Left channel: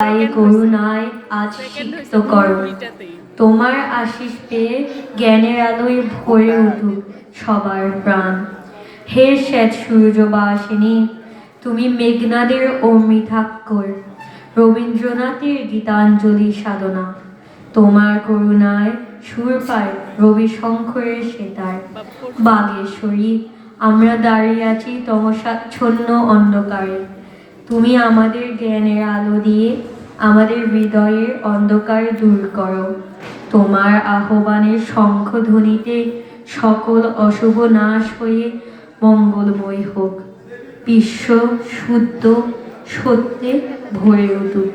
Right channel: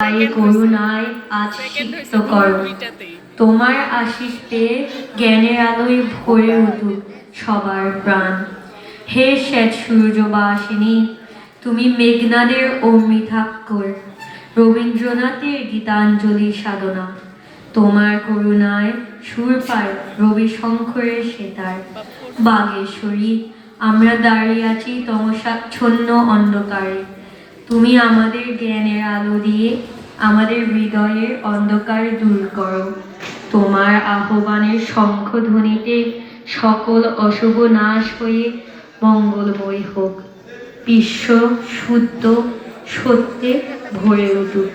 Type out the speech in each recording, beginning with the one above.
তাই করুণায় আজ সিক্ত করো। তোমার আশিস পেয়ে জ্ঞানের আলোয় ভরে উঠুক সবার প্রাণ। হে শ্বেত সূর্যবাসিনী, তুমি মেঘনাদের অমৃতাক্ষর, রবীন্দ্রনাথের গীতাঞ্জলি সাধনা। তোমার করুণায় সুর পায় রবি শঙ্করের সেতার। বাগেশ্বরী, আমরা দাঁড়িয়ে আছি তমসাচ্ছন্ন অন্ধকারে। তুমি আমাদের জ্ঞানের আলো দিয়ে আমাদের হৃদয়ের অন্ধকার দূর করো। তোমার আহ্বানের শঙ্খধ্বনিতে সকল অশুভ নাশ হয়ে মঙ্গলময় হোক। বিশ্ব শুদ্ধ সত্যে ভরে উঠুক।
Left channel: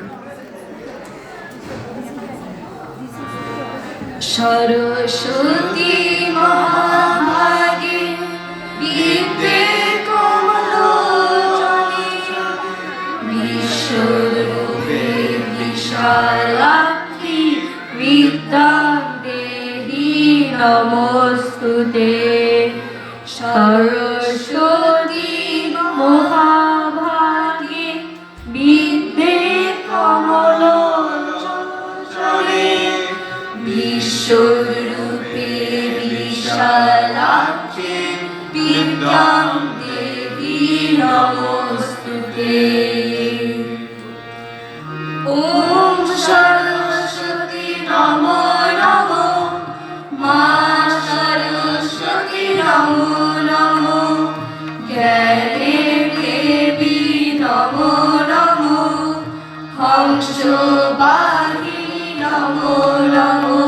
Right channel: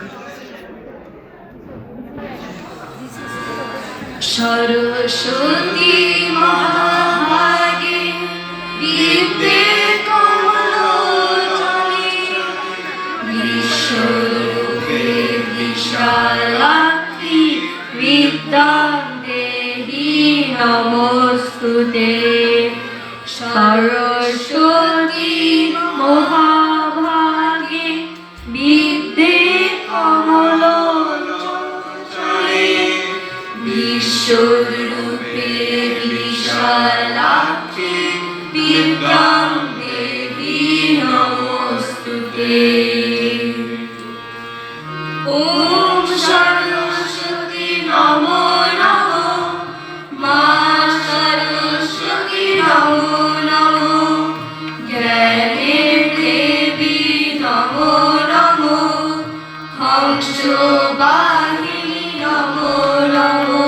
সরস্বতী মহাভাগে বিদ্যে কমলোচনে বিশ্বরূপে বিশালাক্ষী বিদ্যাং দেহি নমস্তুতে। সরস্বতী মহাভাগে বিদ্যে কমলোচনে বিশ্বরূপে বিশালাক্ষী বিদ্যাং দেহি নমস্তুতে। ওম সরস্বতী নমো নমো, মা সরস্বতী নমো নমো, জ্ঞানের দেবী নমো নমো, হংসবাহিনী নমো নমো।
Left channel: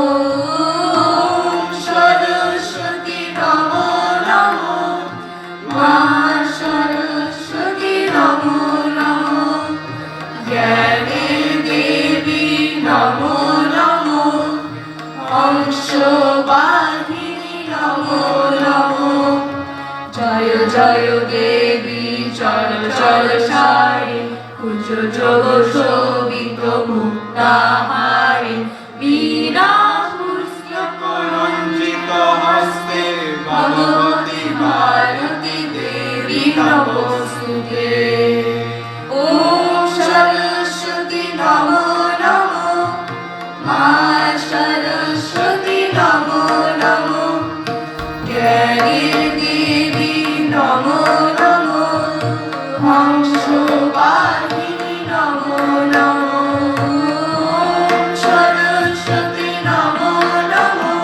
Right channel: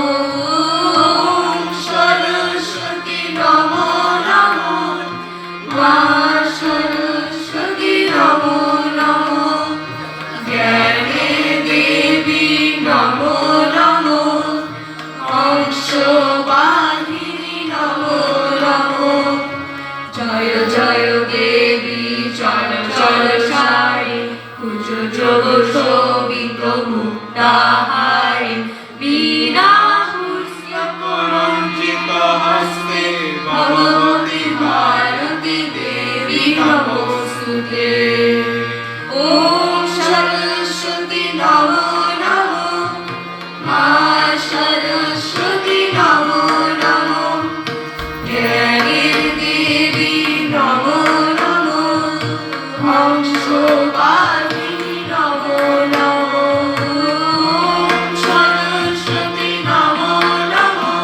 ওম সরস্বতী নমো নমো, মা সরস্বতী নমো নমো, জ্ঞানের দেবী নমো নমো, হংসবাহিনী নমো নমো। জয় জয় দেবী চল চল সারে, কুচ যোগ শোভিত মুক্তাহারে, বীণা পুস্তক রঞ্জিত হস্তে, ভগবতী ভারতী দেবী নমস্তুতে। ওম সরস্বতী নমো নমো, মা সরস্বতী নমো নমো, জ্ঞানের দেবী নমো নমো, হংসবাহিনী নমো নমো। ওম সরস্বতী নমো নমো,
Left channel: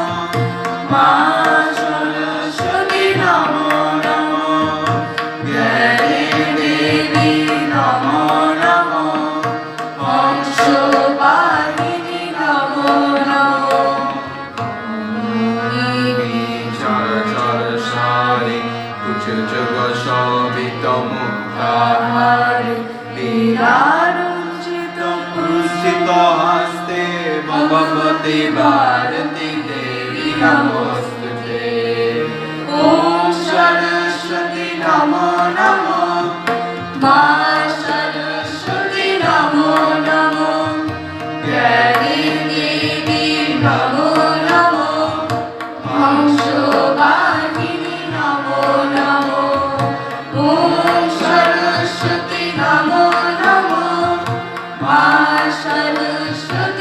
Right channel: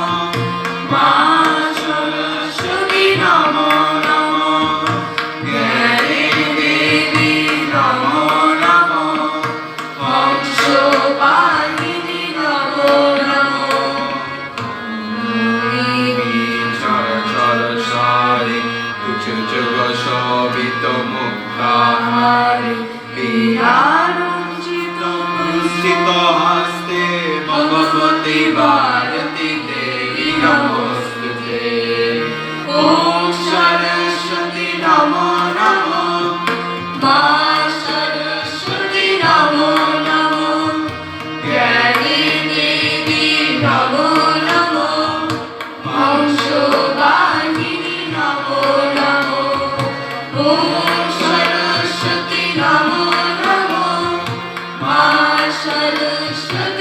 মা সরস্বতী নমো নমো, জ্ঞানের দেবী নমো নমো, হংসবাহিনী নমো নমো। চর চর সারে, কুচ যোগ শোভিত মুক্তাহারে, বীণারঞ্জিত পুলসিত হস্তে, ভগবতী ভারতী দেবী নমস্তুতে। ওম সরস্বতী নমো নমো, মা সরস্বতী নমো নমো, জ্ঞানের দেবী নমো নমো, হংসবাহিনী নমো নমো। ওম সরস্বতী নমো নমো, মা সরস্বতী